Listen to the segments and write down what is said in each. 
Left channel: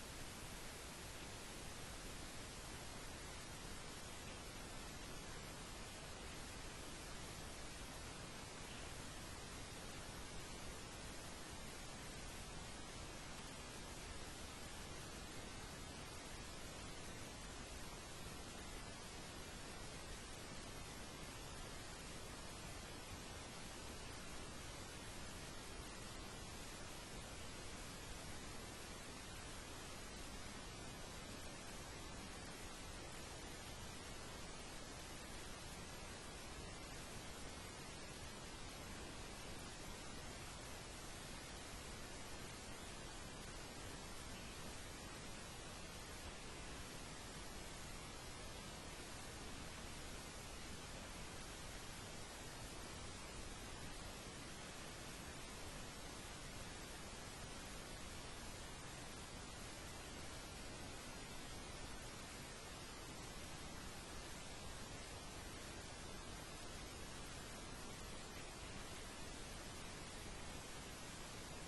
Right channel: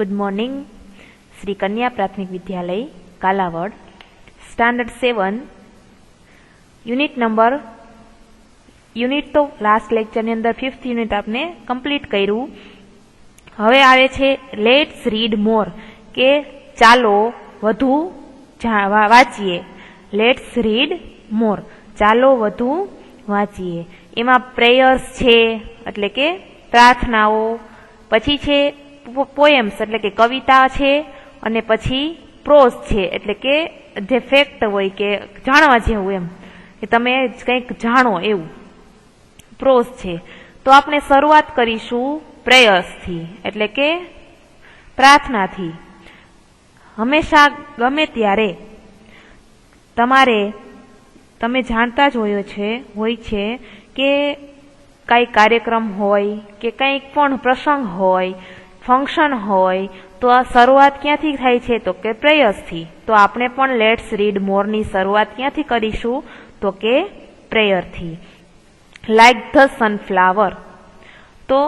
Good morning. Shri कन्या प्राथमिक विद्यालय कालावड स्टैंडर्ड 7 यूनिट तो लास्ट लेक्चर ની અંદર 5th यूनिट आपने कम्प्लीट कर्યું। હવે આવે છે લેટ્સ રીડ મોર કે ચાલો વધુ વાંચીએ। લેટ્સ રીડ મોર ચાલો વધુ વાંચીએ। એમાં પ્રેયર્સ છે એટલે કે પ્રાર્થનાઓ, પછી છે પોએમ્સ એટલે કે કવિતા છે, અને પછી પ્રોઝ છે એટલે કે જે ફેક્ટ હોય કે જાણવા જેવું એમ કે તમે કંઈક જાણો એવું પ્રોઝ છે। તો આપણે શરૂઆત કરીશું પ્રેયર્સથી એટલે કે પ્રાર્થનાથી। હંમેશા ગમે ત્યારે તમે જાણતા જ હોય છે કે કઈ કાર્યક્રમ હોય કે કંઈક પણ પ્રસંગ હોય, ફંક્શન હોય, તો આ શરૂઆત ક્યાંથી થાય છે તો કે પ્રેયર્સથી। તો આપણે પણ લેટ્સ રીડ મોરની શરૂઆત ક્યાંથી કરીશું તો કે પ્રેયરથી। લાઇક ધ સનફ્લાવર, તો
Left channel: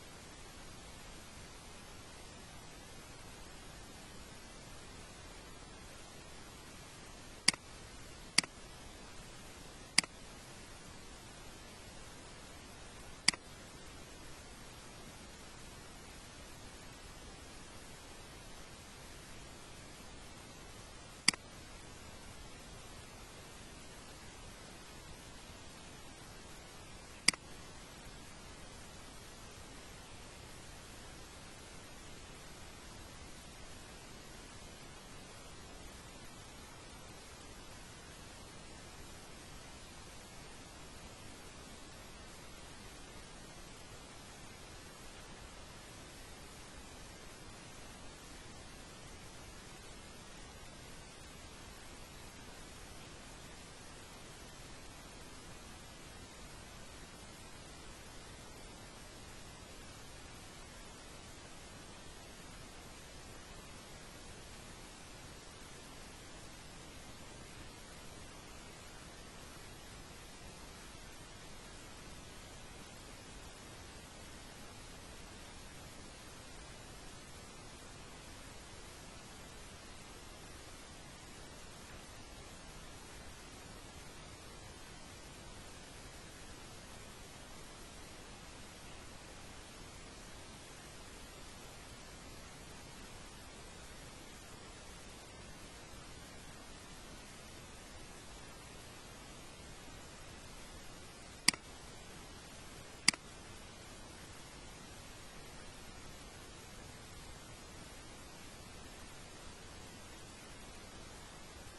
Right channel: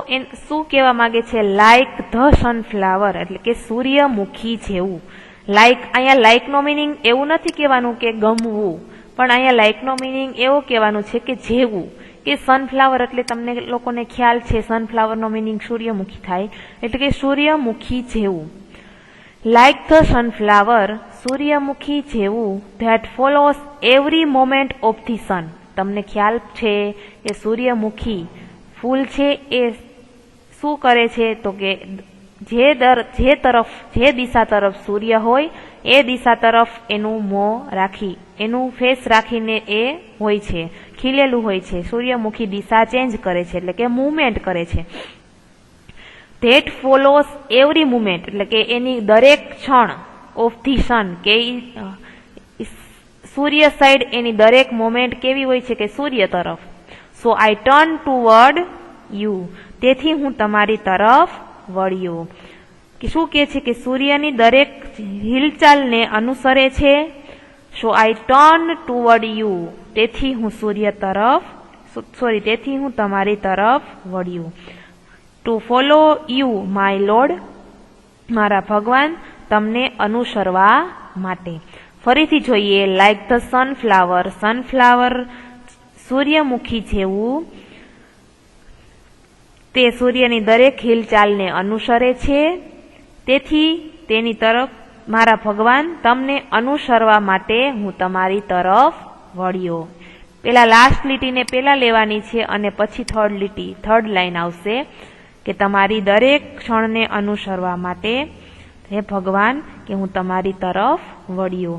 શું કહેવા માંગે છે? લાઇક ધ સનફ્લાવર એટલે કે સૂર્યમુખી જેવું। લાઇક અહીંયા લાઇકનો મિનિંગ એવું નથી કહેવાનું કે ગમવું, પણ અહીંયા લાઇકનો મિનિંગ એવો કહેવાનું છે કે જેવું, કે સનફ્લાવર એટલે તમને લોકોને ખ્યાલ છે સનફ્લાવરનો મિનિંગ સૂર્યમુખી થાય, એટલે કે સૂર્યમુખી જેવું। લાઇક ધ સનફ્લાવર સૂર્યમુખી જેવું that follows every moment of the sun. તમને ખ્યાલ છે કે સૂર્યમુખી ફૂલ છે એ શું કરે છે તો કે જે દિશા તરફ સૂર્ય હોય એ દિશા તરફ એનું મોં રાખી, એનું ફેસ રાખીને એ હોય છે, ખીલેલું હોય છે। સૂર્યમુખી દિશા ચેન્જ કરે છે એટલે કે મૂવમેન્ટ કરે છે। ધેટ ફોલોસ એવરી મુમેન્ટ એટલે કે એની દરેક ક્ષણ ઓફ ધી સન કે સૂર્ય સાઈડ એની દરેક મોમેન્ટ કેવી હોય છે કે સૂર્ય તરફ। સો આઈ ટર્ન ટુવર્ડ યુ, તેથી હું તમારી તરફ વળ્યો। કે શું કહે છે કે સૂર્યની દરેક હિલચાલને અનુસરે છે। So I turn toward you, તેથી હું તમારી તરફ વળ્યો। To follow you my lord, મારા ભગવાન તમને અનુસરવા માટે। ફરીથી જોઈએ લાઇક ધ સનફ્લાવર, સનફ્લાવર સૂર્યમુખી જેવું તે સૂર્યની દરેક હિલચાલને અનુસરે છે, તેથી તેની તરફ મારા ભગવાન તમને અનુસરવા માટે હું તમારી તરફ વળ્યો। પેલા લાસ્ટ લીટીને પેલા લેવાની છે અને પછી થર્ડ લાઈન આવશે કે તમારી દરેક ક્ષણને અનુસરવા માટે હે ભગવાન કે હું તમારી તરફ વળ્યો।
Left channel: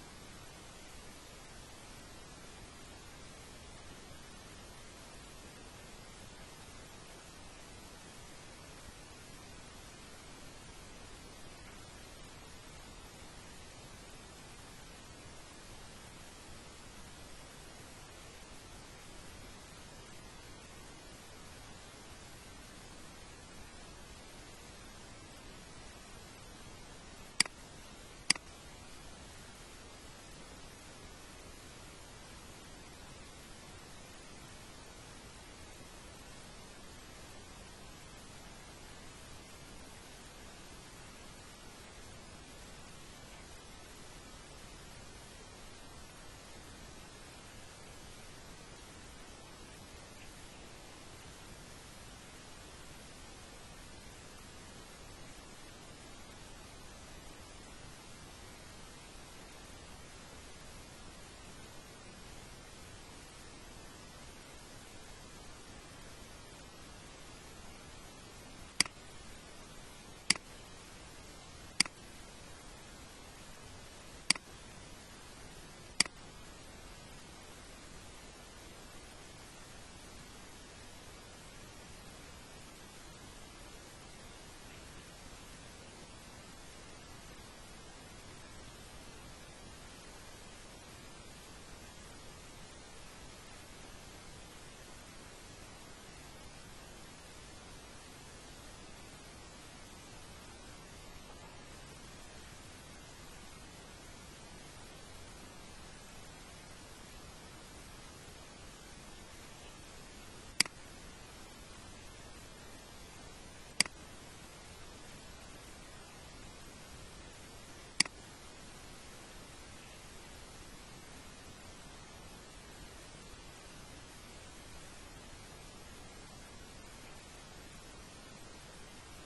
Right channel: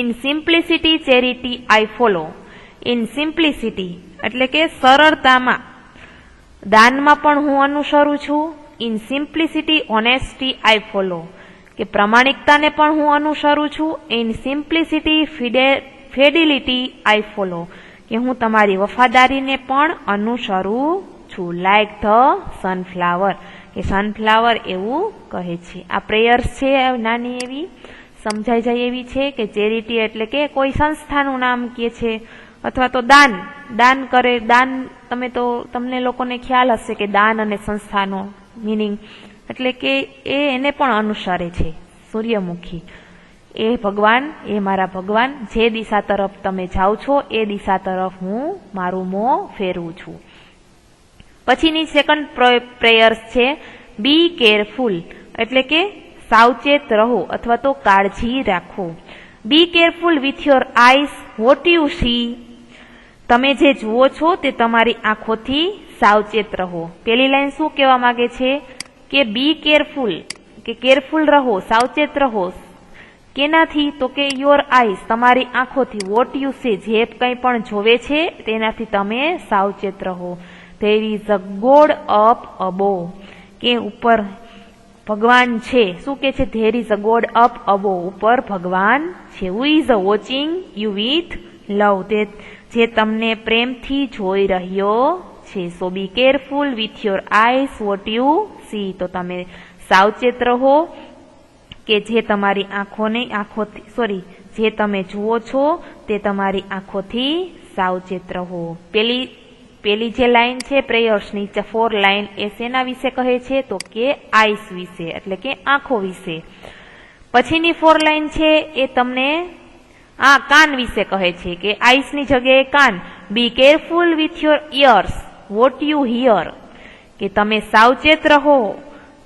In simplicity charity I follow, in simplicity એટલે કે સરળતામાં, દાનમાં પણ હું અનુસરું છું। In simplicity honesty I follow, કે પ્રમાણિકતાને પણ હું અનુસરું છું। In simplicity fidelity I follow, કે હું તમારી વફાદારીને પણ અનુસરું છું। લાઇક ધ સનફ્લાવર, કે સનફ્લાવર એવું કહે છે। આ પ્રેયર્સ છે નાની એવી સમજાઈ જાય એવી છે કે ચેરિટી એટલે કે કોઈ સંસ્થાનું નામ કહે છે, અથવા તો દાન કરે। દાન તમને લોકોને ખ્યાલ હશે કે દાન અને સંસ્થાનો મિનિંગ એટલે કે એને પણ અનુસરે છે સૂર્યમુખી। એ ભગવાન, એ મારા ભગવાન જે દિશા તરફ તમે જાઓ છો એ દિશા તરફ હું મારું મોં ફેરવું છું। પછીની સેકન્ડ પ્રેયર્સ છે બી કેરફુલ એટલે કે સાવચેત રહો અથવા તો કાળજી રાખો। બી careful with your eyes what you C, તમે જે જુઓ છો તે તમારી આંખોથી સાવચેત રહો। પેલી લાઈન શું કહેવા માંગે છે કે બી કેરફુલ, કે કેરફુલ રહો, સાવચેત રહો કેનાથી તો કે યોર આઈઝ તમારી આંખોથી, વોટ યુ સી જે કંઈ પણ જોવે છે તેનાથી તમે સાવચેત રહો। There is a god up above, કે ઉપર ભગવાન છે। શું કે છે? There is a god up above, ઉપર ભગવાન છે। Who is a watching you with love, તે જે તમને પ્રેમથી જોઈ રહ્યો છે। So be careful with your eyes what you see, તો તમે સાવચેત રહો કે જે તમારી જે તમે જુઓ છો તે તમારી આંખોથી સાવચેત રહો। પેલી પેલી જે લાઈન છે પ્રેયર્સની 4 લાઈન એ શેના વિશે કહે છે તો કે આઈસ વિશે એટલે કે આંખો વિશે. પછીની 4 લાઈન છે એ તમને કાન વિશે કહે છે કે આઈસની જગ્યાએ કાન. Be careful with your ears what you hear, કે તમે સાવચેત રહો,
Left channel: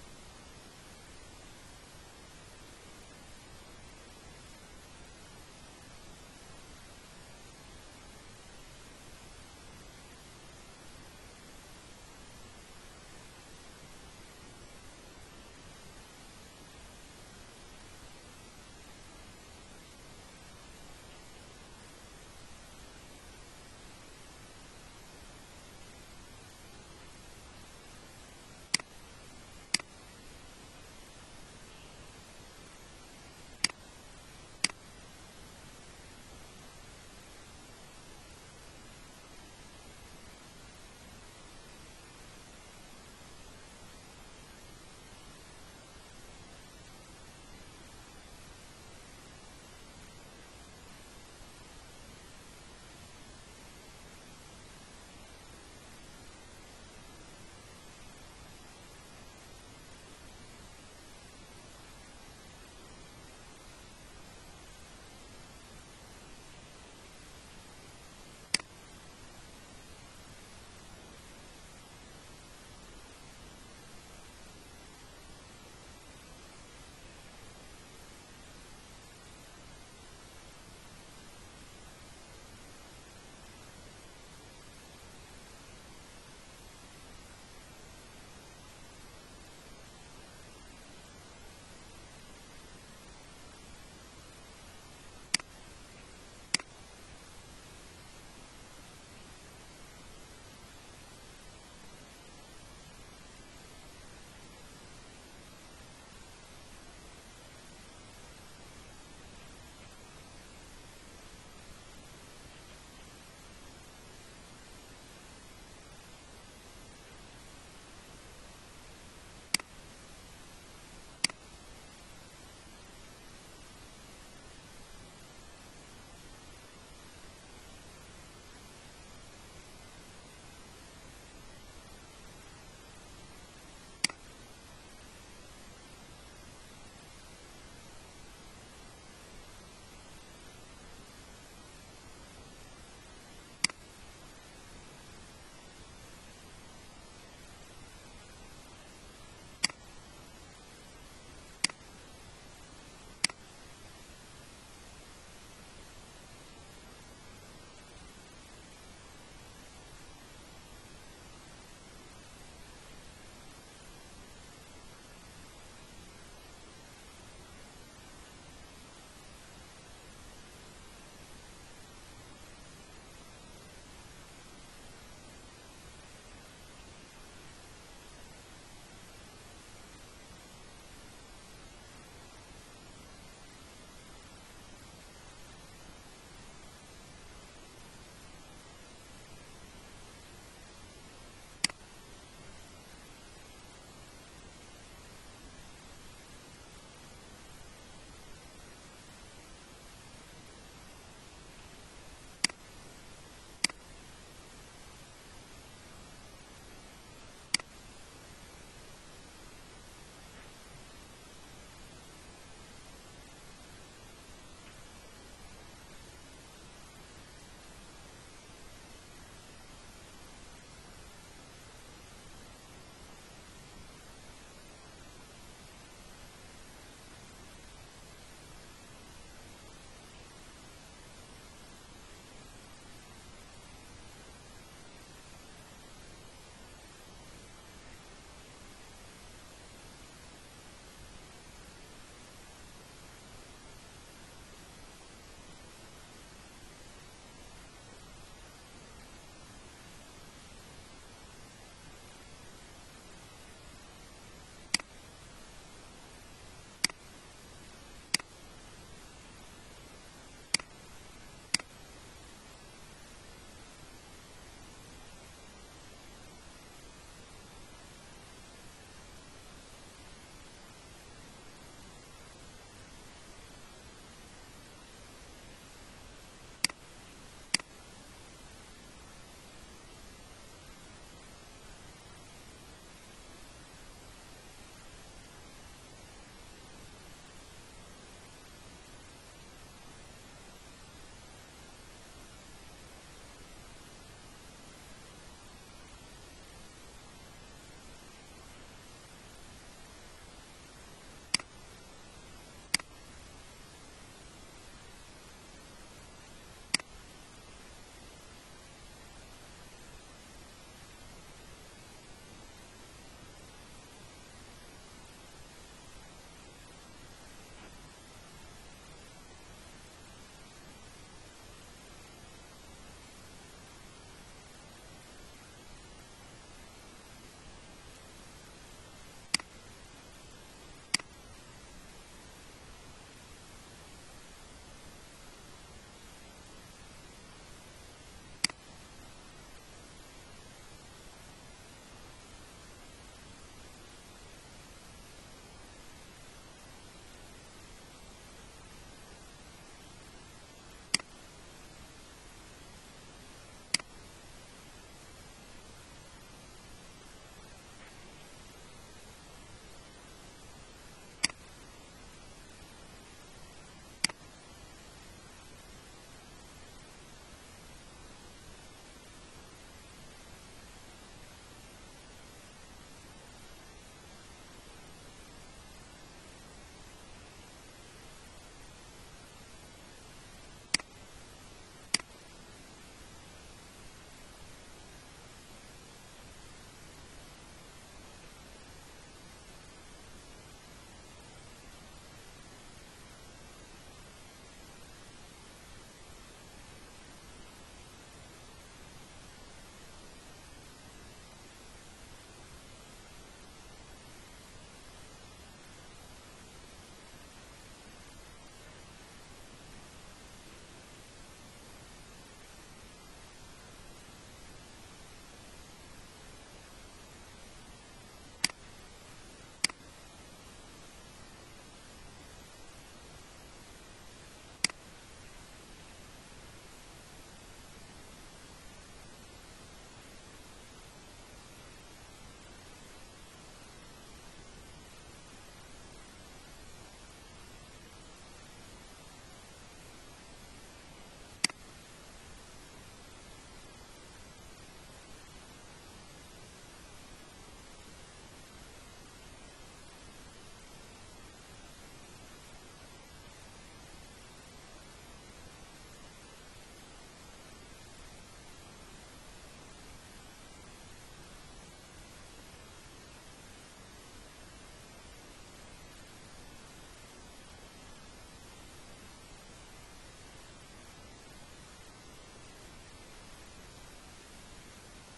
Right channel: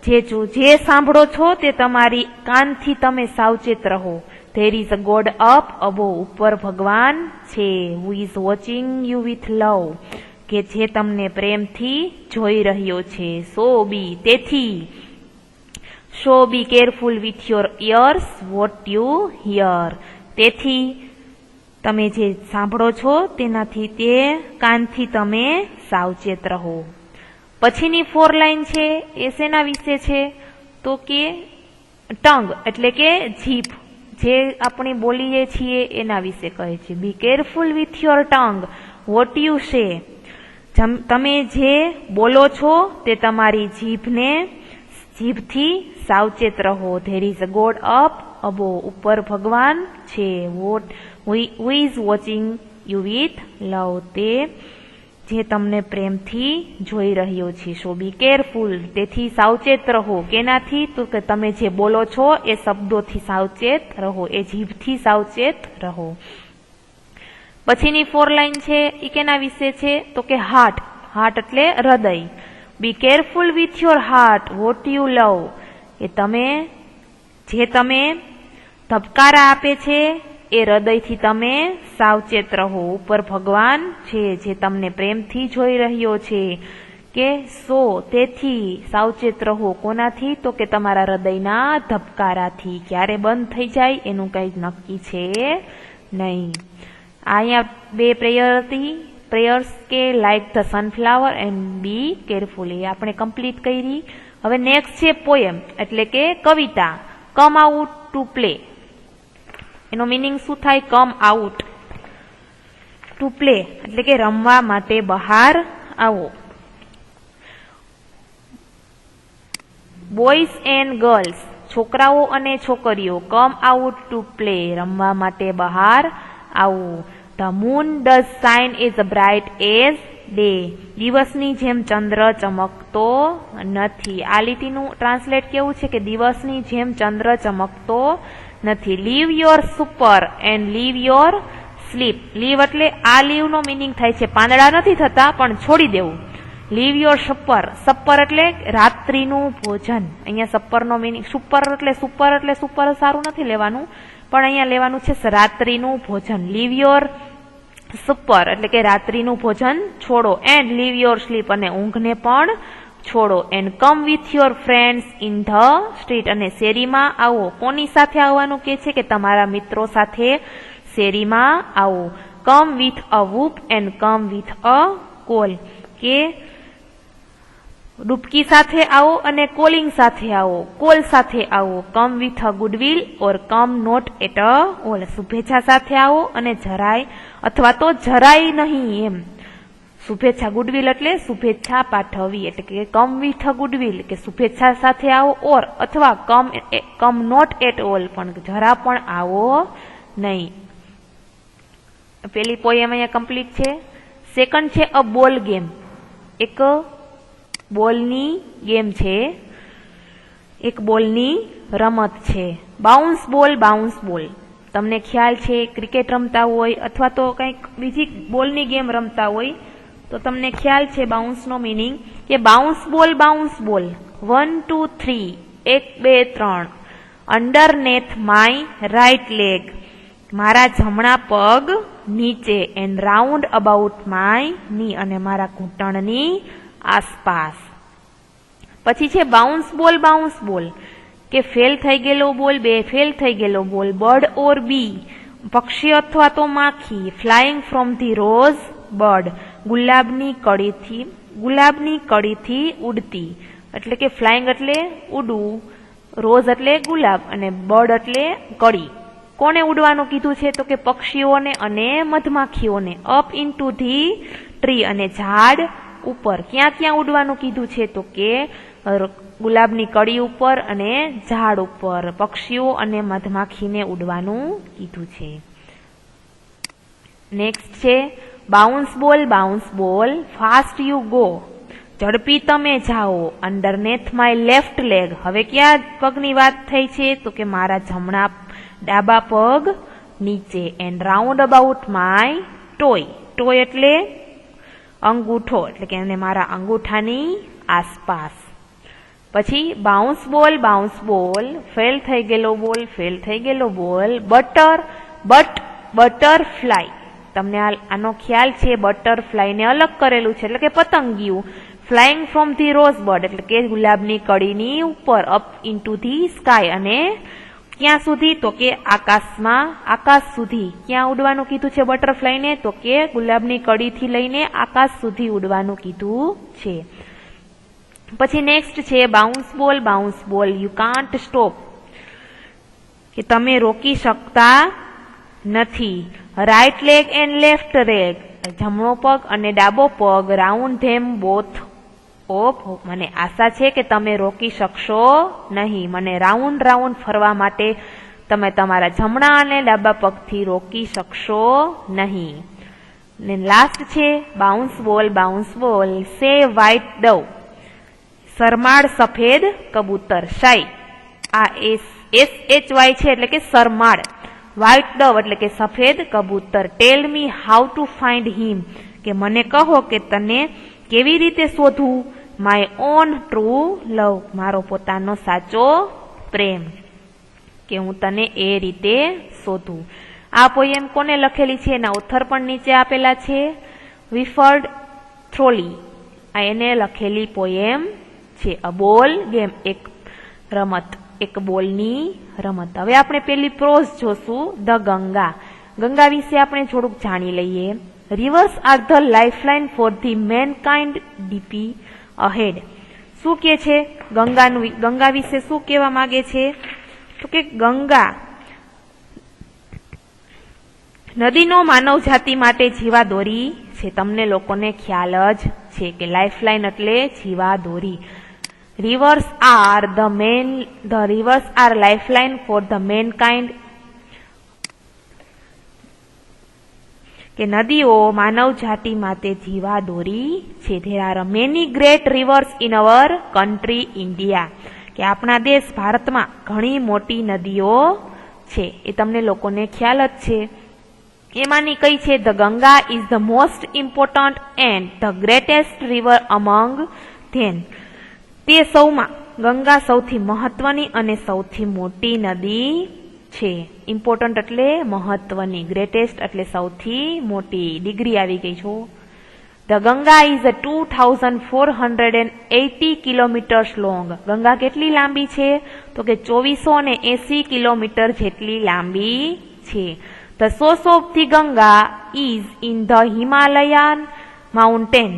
જે સાંભળો છો તે તમારી કાનથી તમે સાવચેત રહો. There is a god up above, ઉપર ભગવાન છે. Who is watching you with love, કે જે તમને પ્રેમથી જોઈ રહ્યો છે. સો બી, તેથી so be careful with your ears what you hear, તેથી તમે જે સાંભળો છો તેનાથી તે કાનથી તમે સાવચેત રહો. પછીની 4 લાઈન છે એ શેના વિશે છે તો કે ટંગ એટલે કે જીભ, જે આપણે બોલીએ છીએ એના વિશે કહે છે. બી careful with your tongue what you say, તમે જે બોલો છો તે તમારી જીભથી સાવચેત રહો. There is a god up above, ઉપર ભગવાન છે. Who is watching you with love, તે જે તમને પ્રેમથી જોઈ રહ્યો છે. સો બી કેરફુલ, તેથી સાવચેત રહો. કેનાથી તો કે તમે જે બોલો છો એ શબ્દોથી સાવચેત રહો, એ જીભથી સાવચેત રહો. પછીની 4 લાઈન છે એ કેના વિશે છે તો કે હાર્ટ. હાર્ટ એટલે હૃદય. બી careful with your heart what you love, કે જે તમે ધબકારા આપે છે એ હૃદયથી તમે સાવચેત રહો. ઉપર ભગવાન છે જે તમને પ્રેમથી જોઈ રહ્યો છે. કે સો, તેથી સાવચેત રહો. કોનાથી તો કે તમારા હૃદયના ધબકારાથી. ક્યારે બંધ થઈ જાય એનું કંઈ નક્કી છે નહીં. અહીંયા 2 પ્રેયર હતી. પ્રેયર્સ કે like the sunflower and be careful, એ આપણે કમ્પ્લીટ કરી. હવે નેક્સ્ટ છે પોએમ એટલે કે કવિતા. કમ આઉટ ટુ પ્લે, એનો મિનિંગ શું થાય? કમ આઉટ ટુ પ્લે એટલે કે રમવા માટે બહાર આવો. બોયઝ એન્ડ ગર્લ્સ, છોકરાઓ અને છોકરીઓ. કમ આઉટ ટુ પ્લે, રમવા માટે બહાર આવો. The moon does shine as bright as day, દિવસની જેમ ચંદ્ર ચમકતો નથી. આ લીટીનું ટ્રાન્સલેટ કેવું છે કે દિવસની જેમ ચંદ્ર ચમકતો નથી. Leave your supper and leave your sleep. Leave એટલે આ લીવનો મિનિંગ થાય છે પાંદડા નથી થતા પણ છોડી દેવું. લીવ યોર સપર, સપર એટલે રાત્રિનું ભોજન. અહીંયા સપરનો મિનિંગ સુપર એટલે સુપર સારું નથી લેવાનું, પણ અહીંયા લેવાનું છે રાત્રિનું ભોજન. લીવ યોર સુપર એટલે કે રાત્રિનું ભોજન છોડો. એન્ડ લીવ યોર સ્લીપ, અને ઊંઘને પણ છોડો. And come with your friends in the street, અને શેરીમાં આવો. કોની સાથે આવવાનું કે છે કે તમારા મિત્રો સાથે શેરીમાં આવો. Come with a whoop and come with a call, કે ડૂબકી સાથે આવો અને કોલિંગ સાથે આવો, કોલ સાથે આવો. Come with a goodwill or come not at all ઓલ, શુભેચ્છા સાથે આવો અને જરાય અથવા તો જરાય નહીં એમ. શુભેચ્છા ગુડવિલ એટલે શુભેચ્છા પાઠવવી, એટલે કે કમ વિથ અ ગુડવિલ કે શુભેચ્છા સાથે આવો, ઓર અથવા કમ નોટ એટ ઓલ પણ જરા પણ આવો નહીં. પેલી પોએમ અહીંયા કમ્પ્લીટ છે. સેકન્ડ છે અ બોલ ગેમ, એક બોલની ગેમ છે, એક બોલની રમત છે. બાઉન્સ બોલ, તમને ખ્યાલ છે ક્રિકેટ રમતા હોય અથવા તો કંઈક બીજી બોલની ગેમ રમતા હોય તો તમને ખ્યાલ છે બાઉન્સનો મિનિંગ કે બાઉન્સ બોલ 1 2 3 1 2 3 અંડરનેથ માય રાઇટ લેગ, મારા જમણા પગ નીચે. એન્ડ રાઉન્ડ અબાઉટ માય ની, અને મારા ઘૂંટણની આસપાસ. પછી છે બાઉન્સ બોલ કે ફેલ થઈ ગયેલો બોલ, ફેલ થઈ ગયેલો બોલ. બર્ડ ઓર બી, પક્ષી અથવા તો માખી. Flying from the rose bird, ગુલાબની કળીથી ઉડતી. એટલે કે ફ્લાઇંગ એટલે ઉડવું, રોઝ એટલે ગુલાબ અને બર્ડ એટલે કળી. કોને ઉડવાનું કીધું છે તો કે પક્ષીઓને અને મધમાખીઓને. અપ ઇન્ટુ ધી ટ્રી, અને ઝાડ ઉપર. ક્યાં ઉડવાનું કીધું છે તો કે ગુલાબની કળી ઉપર અને ઝાડ ઉપર. પક્ષીઓ અને મધમાખીને ઉડવાનું કીધું છે. નેક્સ્ટ છે બાઉન્સ બોલ ફાસ્ટ યુ ગો, ઝડપી તમે જાઓ, અંડરનેથ માય લેફ્ટ લેગ, હવે ક્યાં પગની વાત થઈ છે તો કે મારા જમણા ડાબા પગ નીચે, and round about my toy, toy એટલે અંગૂઠો, એટલે કે મારા અંગૂઠાની આસપાસ. પછી બાઉન્સ બોલ ફેલ થઈ ગયેલો બોલ, બટરફ્લાય, તમને આનો ખ્યાલ છે, બટરફ્લાયને અલગ કરેલું છે એટલે કે પતંગિયું, flying from the rose bird એટલે કે ગુલાબની કડીની ઉપર, અપ ઇન્ટુ ધી સ્કાય, અને ક્યાં સુધી તો કે આકાશમાં, આકાશ સુધી. ક્યાં ઉડવાનું કીધું છે બટરફ્લાયને તો કે ગુલાબની કડીથી લઈને આકાશ સુધી ઉડવાનું કીધું છે. પછી નેક્સ્ટ છે બાઉન્સ બોલ યુ કાન્ટ સ્ટોપ, કે તમે રોકી શકતા નથી. Right leg and left leg, જમણો પગ અને ડાબો પગ, રાઉન્ડ ધેમ બોથ ઓફ, મને આશા છે કે તમે રોકી શકશો નહીં, મને રાઉન્ડ ફરવા માટે તમે તમારા જમણા અને ડાબા પગથી રોકી શકશો નહીં. ને લાસ્ટ છે બાઉન્સ બોલ સે વ્હાઇટ ડવ, સરમાળ સફેદ કબૂતર, શાય આ SHY છે એટલે કે સરમાળ, વ્હાઇટ ડવ એટલે કે સફેદ કબૂતર. ટેલ મી હાઉ ટુ ફાઇન્ડ હિમ, કે મને કહો કે તને કેવી રીતે શોધવું. માય ઓન ટ્રુ લવ, મારો પોતાનો સાચો પ્રેમ, કે હું તને એ રીતે શોધું. આ પોયમ કોને લખેલી છે એના ઓથર પણ નીચે આપેલા છે, વિલ્ફર્ડ થ્રોલી, આ એને લખેલી પોયમ છે. અ બોલ ગેમ, એક રમત, એક બોલની રમત. હવે આપણે પેલી પ્રોઝ જોશું, ધ ગંગા. ગંગા વિશે આપણે થોડુંક જાણી લઈએ. Reverse are the lifeline for the mankind DP ahead. શું કે છે ગંગા વિશે શું કહેવા માંગે છે તો કે ગંગા નદીનો માનવ જાતિ માટે જીવાદોરી છે. તમને લોકોને ખ્યાલ જ છે કે લાઇફલાઇન એટલે જીવાદોરી. Rivers are lifeline for the mankind, કે નદીઓ માનવ જાતિ માટે જીવાદોરી છે. There are many great rivers in our country India, કે આપણા દેશ ભારતમાં ઘણી મોટી નદીઓ છે, એ તમને લોકોને ખ્યાલ જ છે. એમાંની કઈ છે? The Ganga is the most important and the greatest river among them. તે સૌમાં ગંગા સૌથી મહત્વની અને સૌથી મોટી નદી છે. ઇમ્પોર્ટન્ટ એટલે મહત્વની, ગ્રેટેસ્ટ એટલે સૌથી મોટી. ડિગ્રી આવી ગઈ છો. The Ganga is 2480 kilometres long. Ganga કેટલી લાંબી છે? તો કે 2480 કિલોમીટર જેટલી લાંબી છે. The source of the Ganga is in the Himalayan mountain,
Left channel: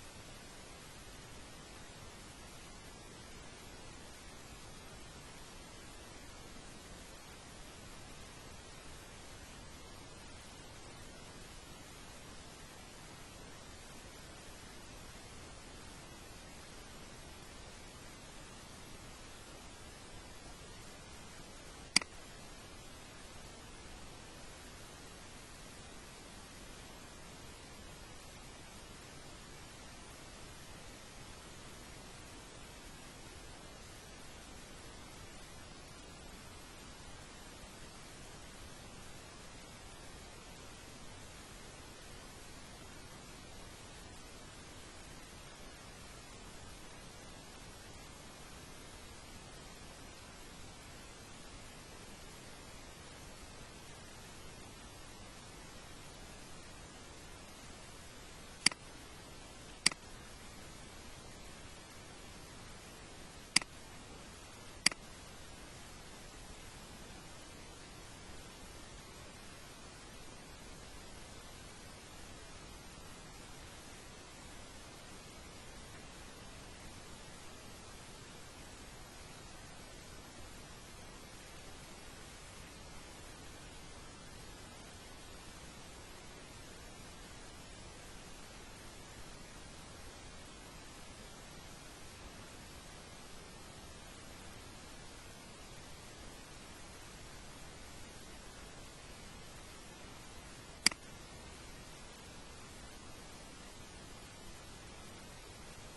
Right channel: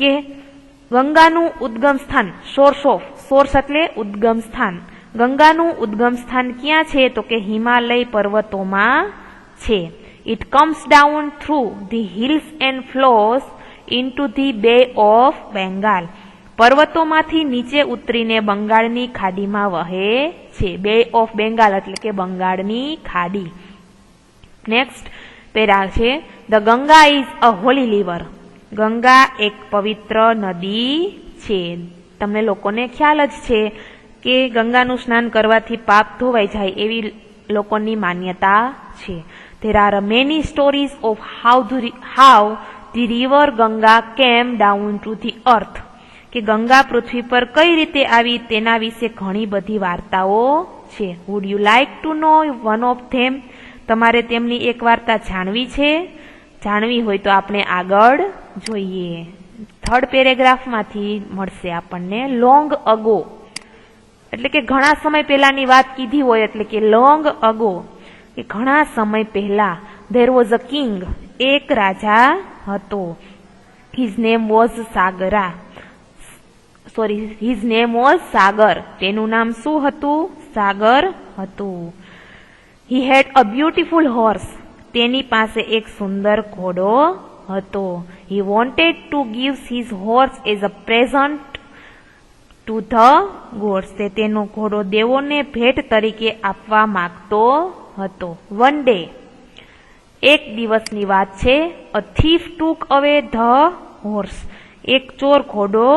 કે ગંગાનું ઉદ્ગમ સ્થાન, સોર્સ એટલે ઉદ્ગમ સ્થાન. ગંગાનું ઉદ્ગમ સ્થાન ક્યાં છે? તો કે હિમાલય પર્વતોમાં છે. It comes down through the hills and flows into the બે ઓફ બેંગાલ. પર્વતોમાંથી નીચે ઉતરીને બંગાળની ખાડીમાં વહે છે. બે ઓફ બેંગાલ એટલે કે બંગાળની ખાડી. નેક્સ્ટ પેરા છે, the Ganga is a Holi river. Ganga એક પવિત્ર નદી છે. તમને લોકોને ખ્યાલ જ છે કે ગંગાનું સ્નાન કરવાથી પાપ ધોવાઈ જાય એવી લોકોની માન્યતા છે. There are many stories of how the river Ganga came down to the earth, કે ગંગા પૃથ્વી પર કઈ રીતે આવી તેના વિશે ઘણી બધી વાર્તાઓ છે. Would you like to know one of them? તમારે તેમની એક વાર્તા જાણવી છે? જાણવી હોય તો આપણે આગળ જોઈએ. થર્ડ પેરેગ્રાફમાંથી મળશે આપણને. લોંગ અગો એટલે કે ઘણા સમય પહેલાની વાત કીધી હોય એટલે કે લોંગ અગો, કે ઘણા સમય પહેલા. There was a king, એક રાજા હતો. His name was સાગર. તેનું નામ શું હતું? સાગર હતું. He had a beautiful horse. તેની પાસે એક સુંદર ઘોડો હતો. He wanted to give his horse as a present to the gods. તે તેનો ઘોડો દેવોને ભેટ તરીકે આપવા માંગતો હતો. One day એક દિવસની વાત છે. અ થીફ ટુક અવે ધ હોર્સ. એક ચોર ઘોડો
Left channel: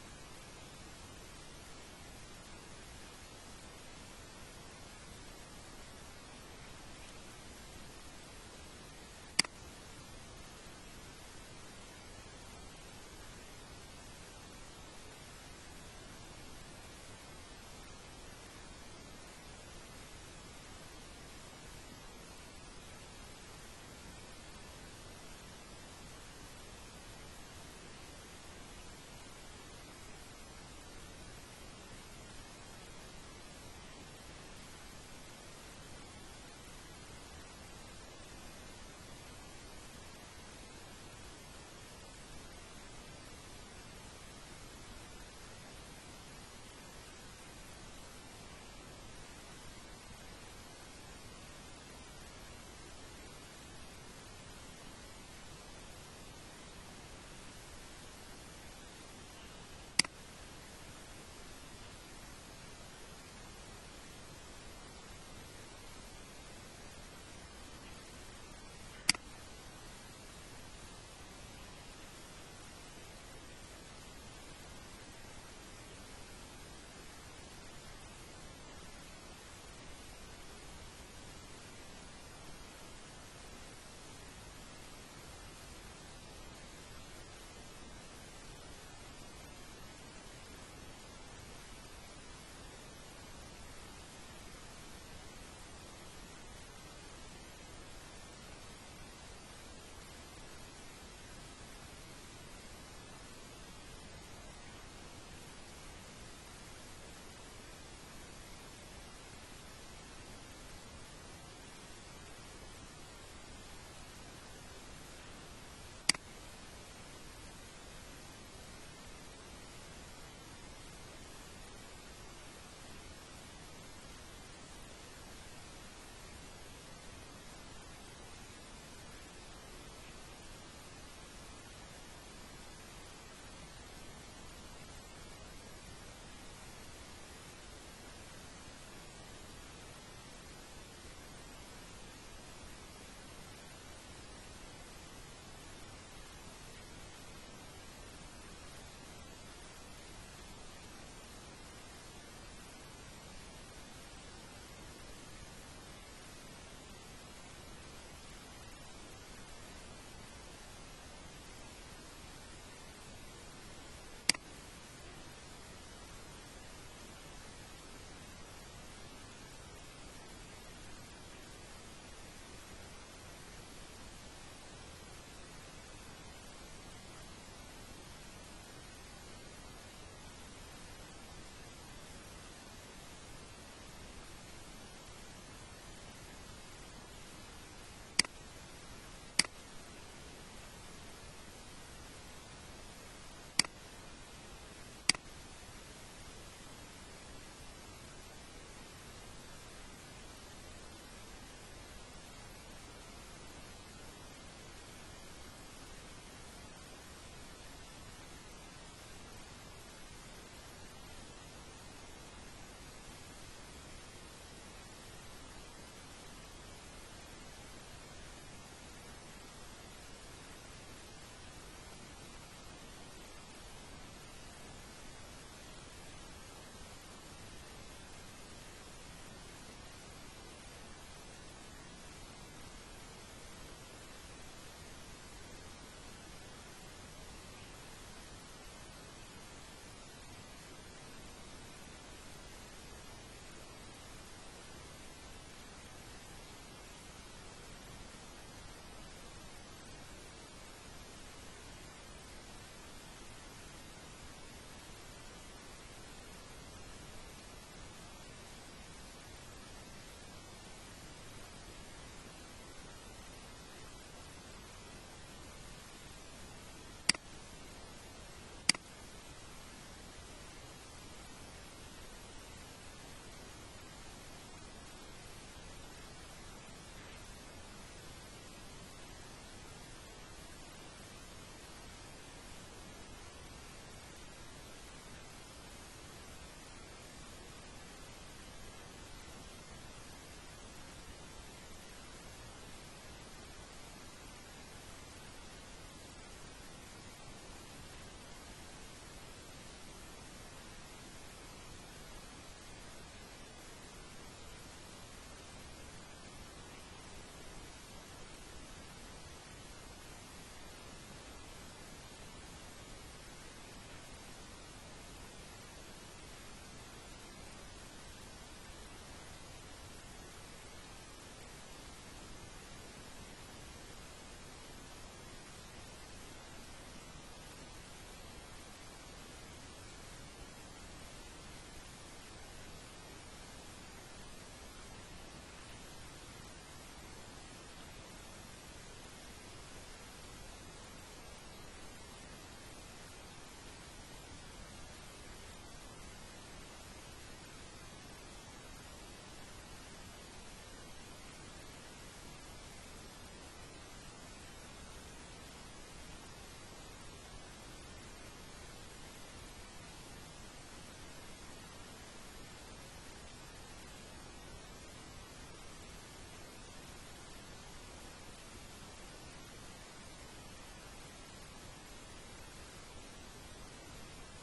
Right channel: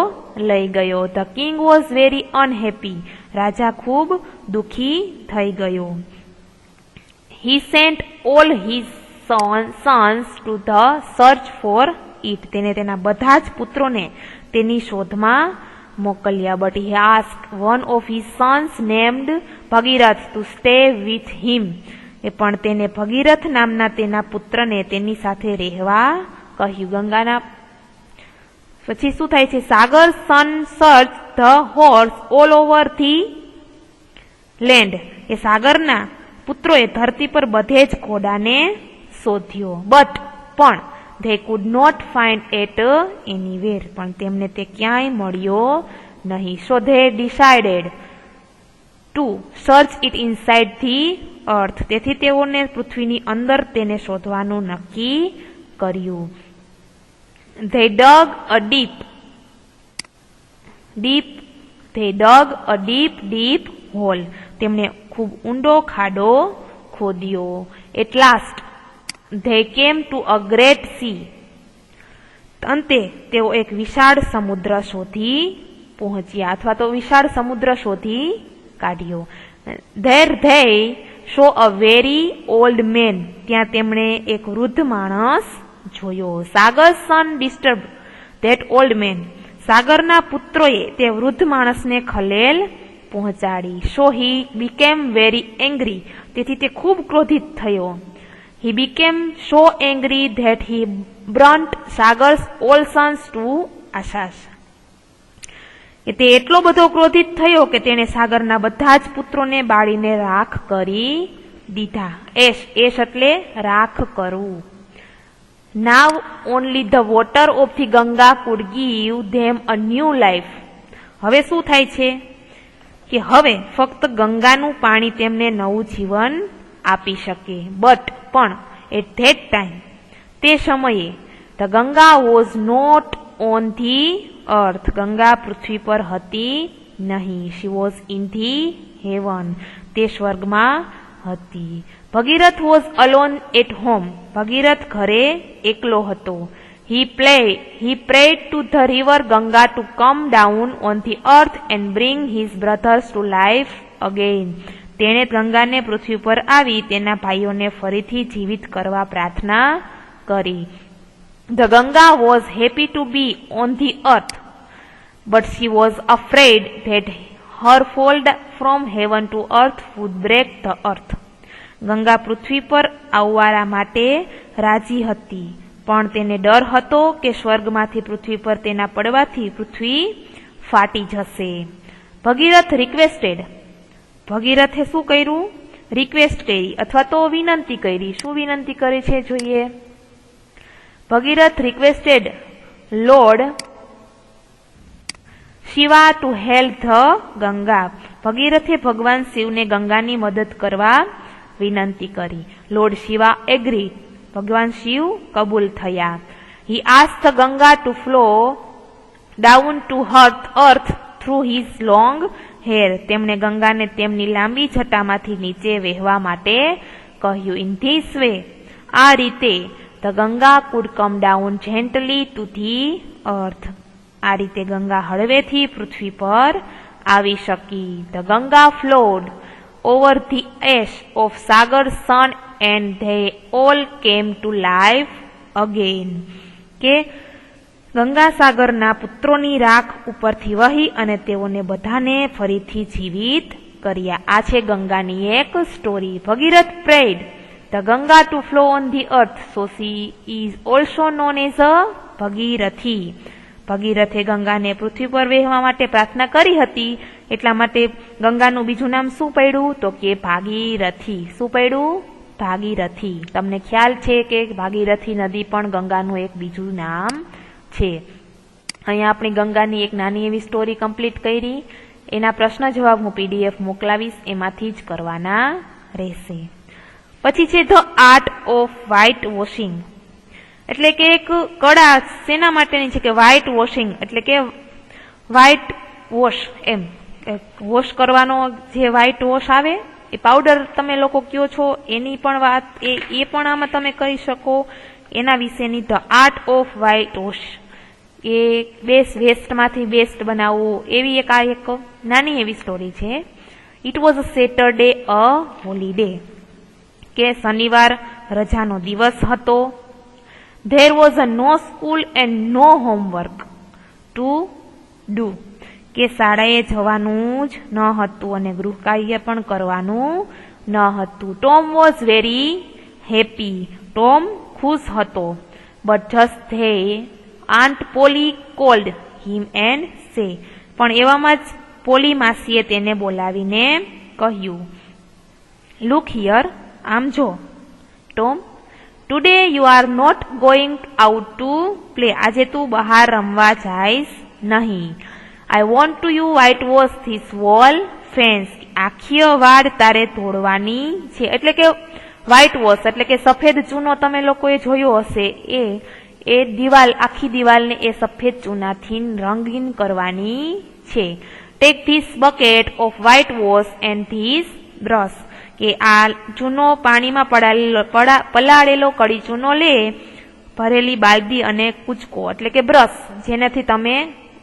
લઈ ગયો. The king was very unhappy. રાજા ખૂબ દુઃખી થઈ ગયો. He sent all his sons to the search for it. તેને તેના બધા જ પુત્રોને તેની શોધમાં મોકલ્યા. But he ask one of his sons named Bhagirath to stay with him. પણ તેને ભગીરથ નામના તેના પુત્રને તેની સાથે રહેવા કહ્યું. ગંગાના પછી શું થાય છે? Sagar son search the horse all over the land. એ સાગરના પુત્રોએ ધરતી પર બધે જ ઘોડાને શોધ્યો. બટ પણ they could not find it anywhere. પણ તેમને તે ક્યાંય મળ્યો નહીં. So they decided to search it inside the earth. તેથી તેઓને પૃથ્વીની અંદર તેને શોધવાનું નક્કી કર્યું. They dug a deep hole. તેમણે ખૂબ ઊંડો ખાડો ખોદ્યો. At last they came to a great sea. અંતે તેઓ એક વિશાળ સમુદ્ર શોધી પહોંચ્યા અથવા તો વિશાળ સમુદ્ર શોધી કાઢ્યો. There they saw a very old man. ત્યાં તેમણે એક વૃદ્ધ માણસ જોયો. સાગર સન disturbed that old man. સાગરના પુત્રોએ તે વૃદ્ધ માણસને ખલેલ પહોંચાડી. So he became very angry. તેથી તે ખૂબ ક્રોધિત થયો. He became so angry that he burnt Sagar's all sons to ashes. તે એટલો બધો ક્રોધિત થયો કે તેણે સાગરના બધા જ પુત્રોને બાળીને રાખ કરી દીધા. એશ એટલે રાખ કરવું. Now only the water of the Ganga could give them a new life. હવે શું થાય છે કે હવે ફક્ત ગંગાનું પાણી તેમને નવું જીવન આપી શકે. બટ પણ એટ ધેટ ટાઈમ તે સમયે the Ganga was not on the earth. Ganga પૃથ્વી પર હતી નહીં. She was in the heaven. તે સ્વર્ગમાં હતી. Bhagirath was alone at home. Bhagirath ઘરે એકલો હતો. He prayed to the river Ganga to come down on the earth and bring his brothers to life again. તેણે ગંગાને પૃથ્વી પર આવી તેના ભાઈઓને ફરીથી જીવિત કરવા પ્રાર્થના કરી. The Ganga was happy to be on the earth, but she was afraid that her fall from heaven to earth would break the earth. Ganga પૃથ્વી પર આવવા માટે રાજી હતી, પણ તેને ડર હતો કે સ્વર્ગમાંથી પૃથ્વી પર તેના પડવાથી પૃથ્વી ફાટી જશે. ભગીરથ રિક્વેસ્ટેડ. ભગીરથે શું કર્યું? રિક્વેસ્ટ કરી અથવા તો વિનંતી કરી. શું વિનંતી કરી છે જોઈએ? Bhagirath requested lord Shiva to help the Ganga. ભગીરથે ભગવાન શિવને ગંગાની મદદ કરવા વિનંતી કરી. Lord Shiva agree. ભગવાન શિવ કબૂલ થયા. He asked the Ganga to flow down to earth through his long hair. તેમણે ગંગાને તેમની લાંબી જટામાંથી નીચે વહેવા માટે કહ્યું. ઇન ધીસ વે, આ રીતે the Ganga could come down gently to the earth. આ રીતે ગંગા હળવેથી પૃથ્વી પર આવી શકી. The Ganga flowed over the ash of Sagar's son and they all came to life again. કે ગંગા સાગરના પુત્રોની રાખ ઉપરથી વહી અને તેઓને બધાને ફરીથી જીવિત કર્યા. આ છે ગંગાની એક story. Bhagirath prayed the Ganga to flow on the earth, so she is also known as a Bhagirathi. ભગીરથે ગંગાને પૃથ્વી પર વહેવા માટે પ્રાર્થના કરી હતી, એટલા માટે ગંગાનું બીજું નામ શું પડ્યું? તો કે ભાગીરથી. શું પડ્યું? ભાગીરથી. તમને ખ્યાલ છે કે ભાગીરથી નદી પણ ગંગાનું એક બીજું નામ છે. અહીંયા આપણી ગંગાની એક નાની એવી સ્ટોરી કમ્પ્લીટ કરી. એના પ્રશ્ન જવાબ હું PDF મોકલાવીશ, એમાંથી જ કરવાના રહેશે. પછી છે the art of white washing. એટલે કે એક કળા શેના માટેની છે? કે વ્હાઇટ વોશિંગ એટલે કે વ્હાઇટ વોશ, એમ વોશ કરવાનો જે વ્હાઇટ વોશ આવે એ પાવડર તમે લોકો કયો છો એની પણ વાત એ પણ આમાં તમે કહી શકો. એના વિશેની the art of white wash, એ વેસ્ટમાંથી બેસ્ટ બનાવવું, એવી એક નાની એવી સ્ટોરી છે. It was a Saturday a holiday, કે શનિવાર રજાનો દિવસ હતો. There was a no school and no homework to do, કે શાળાએ જવાનું જ ન હતું અને ગૃહ કાર્ય પણ કરવાનું ન હતું. Tom was very happy, Tom ખુશ હતો. But just then aunt Polly called him and say, પણ એવામાં જ પોલી માસીએ તેને બોલાવીને કહ્યું, લુક હિયર, આમ જો Tom, today you are not going out to play, આજે તું બહાર રમવા જાઈશ નહીં. I want to you whitewash this wall fence, આખી વાડ તારે તોડવાની છે. એટલે કે વ્હાઇટ વોશ એટલે કે સફેદ ચૂનો તમે લોકોએ જોયો હશે, એ દિવાલ, આખી દિવાલને એ સફેદ ચૂનાથી રંગીન કરવાની છે. Take this bucket of white wash and this brush, કે આ ચૂનો પાણીમાં પલાળેલો કડી ચૂનો લે, ભરેલી બાલદી અને કૂચકો એટલે કે બ્રશ, જેનાથી તમે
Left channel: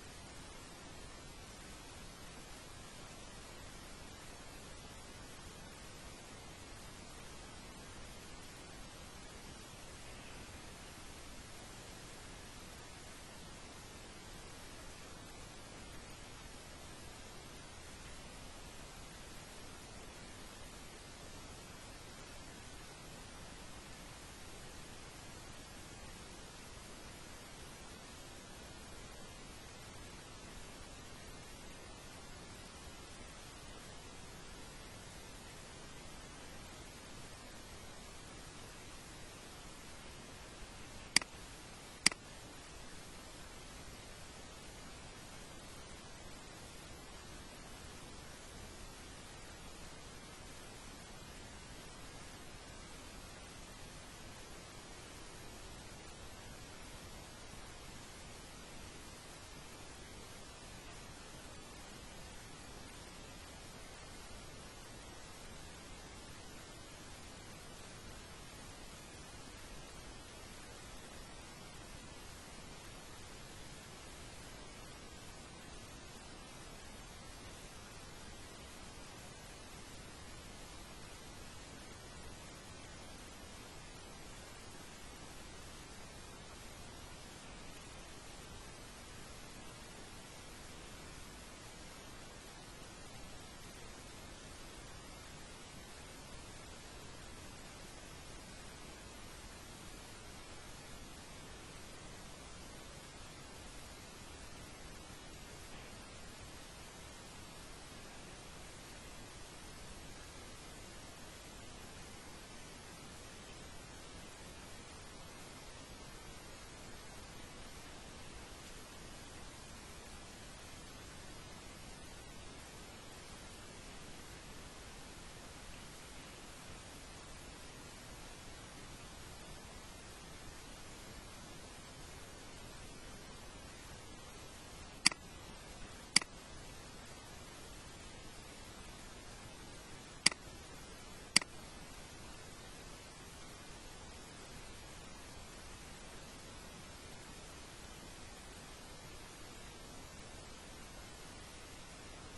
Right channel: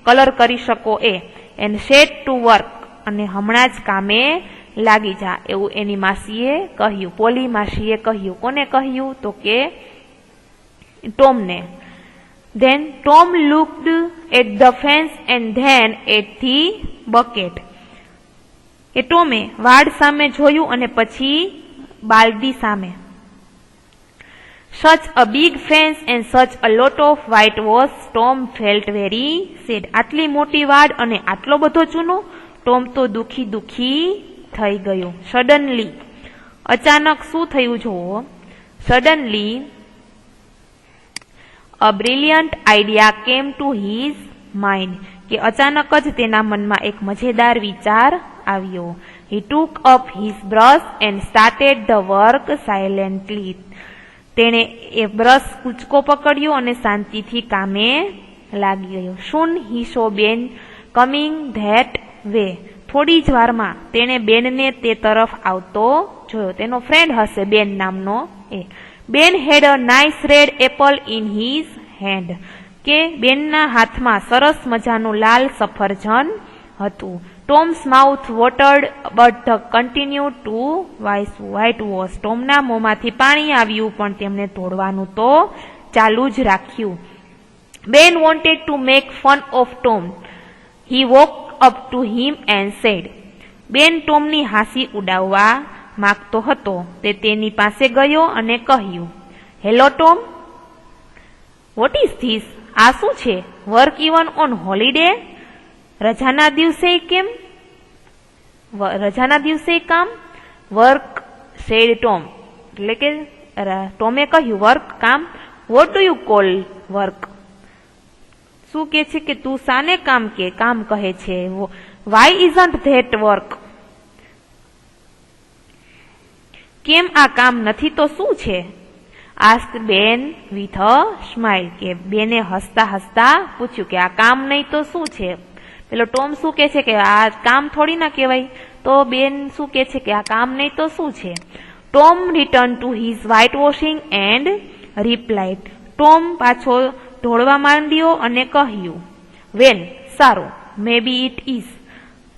કલર કરી શકો એન્ડ સેટ ટુ વર્ક, અને હમણાં જ કામે લાગી જા, એવું એની માસીએ કહ્યું, પોલી માસીએ કહ્યું. કોને કહ્યું? તો કે ટોમને. Then Tom looked at the fence and then at the bucket, એ ટોમે વાડ સામે જોયું અને પછી બાલદી સામે. સચ a big fence and such a lot of white wash, Tom felt very sad, આટલી મોટી વાડ અને આટલો બધો ચૂનો, ટોમ તો દુખી થઈ ગયો. સડનલી, અચાનક શું થયું જુઓ. Suddenly a brilliant idea came to his mind, કે અચાનક જ તેના મનમાં એક મજેદાર વિચાર આવ્યો. He took up his brush and started the work silently, તેણે એ બ્રશ કૂચકો પકડ્યો અને શાંતિથી કામે લાગી ગયો. સૂન હી સો બેન કમિંગ ધેટ વે, થોડી જ વારમાં તેણે બેનને તે તરફ આવતો જોયો. તેનો ફ્રેન્ડ હશે બેન નામનો એ. Ben had a nice red apple in his hand, કે બેનના હાથમાં સરસ મજાનું લાલ સફરજન હતું. Tom's mouth watered but the continue to white wash, ટોમના મોંમાંથી પાણી આવ્યું પણ તેમને તોડવાનું તો ચાલુ જ રાખ્યું. બેન wanted to make fun of Tom, he woke up to him and said, બેન ટોમની હાંસી ઉડાવવા માગતો હતો. તે તેની પાસે ગયો અને કહ્યું, hello Tom, what is this, આ શું છે? વર્ક ઇવન ઓન હોલીડે, રજાના દિવસે કેમ? રજાના દિવસે કામ? વર્ક સેડ ટોમ, એટલે કે ટોમે કહ્યું વર્ક, કામ. What do you call work, શું કે છે કે તું શાને કામ કહે છે? વાય ઇઝન્ટ ધેટ વર્ક, કેમ આ કામ નથી તો શું છે? આસ્ક બેન વિથ અ સ્માઇલ, કે બેને હસતા હસતા પૂછ્યું કે આ કામ નહીં તો શું છે? પેલો ટોમ શું કે છે કે આ કામ થોડી ના કહેવાય, તો બેન શું કે છે કે આ કામ નહીં તો શું છે? Tom return to his white washing and replied, Tom પાછો ઢોળવા માંડ્યો અને કહ્યું, વેલ, સારું, મે બી ઇટ ઇઝ,